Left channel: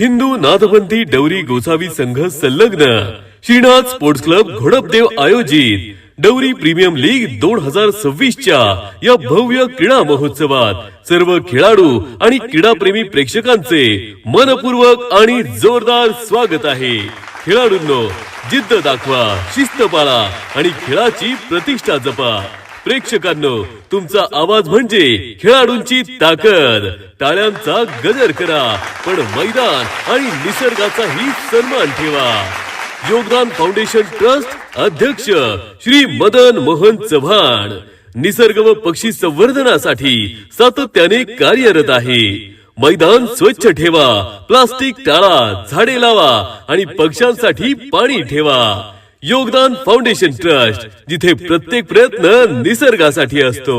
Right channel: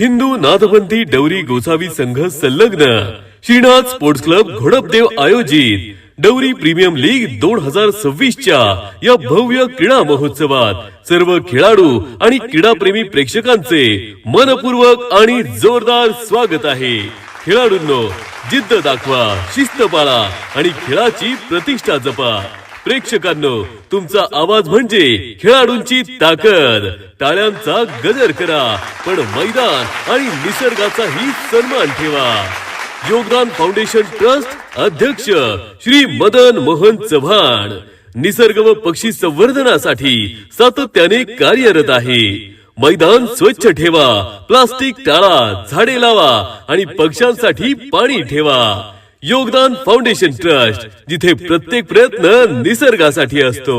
हिंदू नाथपंथी डवरी गोसावी संघ संलग्न Srinath sports club घोडपदेव आयोजित डवरी प्रीमियम लीग 2026च्या या भव्य क्रीडा महोत्सवात सर्व खेळाडू आणि क्रीडाप्रेमी प्रेक्षकांचे मनपूर्वक आणि जोरदार स्वागत आहे। खेळाडूंनो, जिद्द दाखवा, शिस्त पाळा आणि खेळाची प्रतिष्ठा जपा। प्रेक्षकांनो, तुमचा आवाज म्हणजे खेळाडूंची ताकद। टाळ्यांचा गजर करा, पण मैदान आणि निसर्गाचाही सन्मान ठेवा। योगदान फाउंडेशन ट्रस्ट अध्यक्ष श्री मदन मोहन चव्हाण निसर्ग व पक्षी संवर्धनासाठी सातत्याने कार्यरत आहे। मैदान स्वच्छ ठेवा, प्लास्टिक टाळा, झाडे लावा आणि पक्ष्यांसाठी पाणी ठेवा। योगदान फाउंडेशन ट्रस्ट, जिथे प्रत्येक प्रयत्न निसर्गासाठी असतो।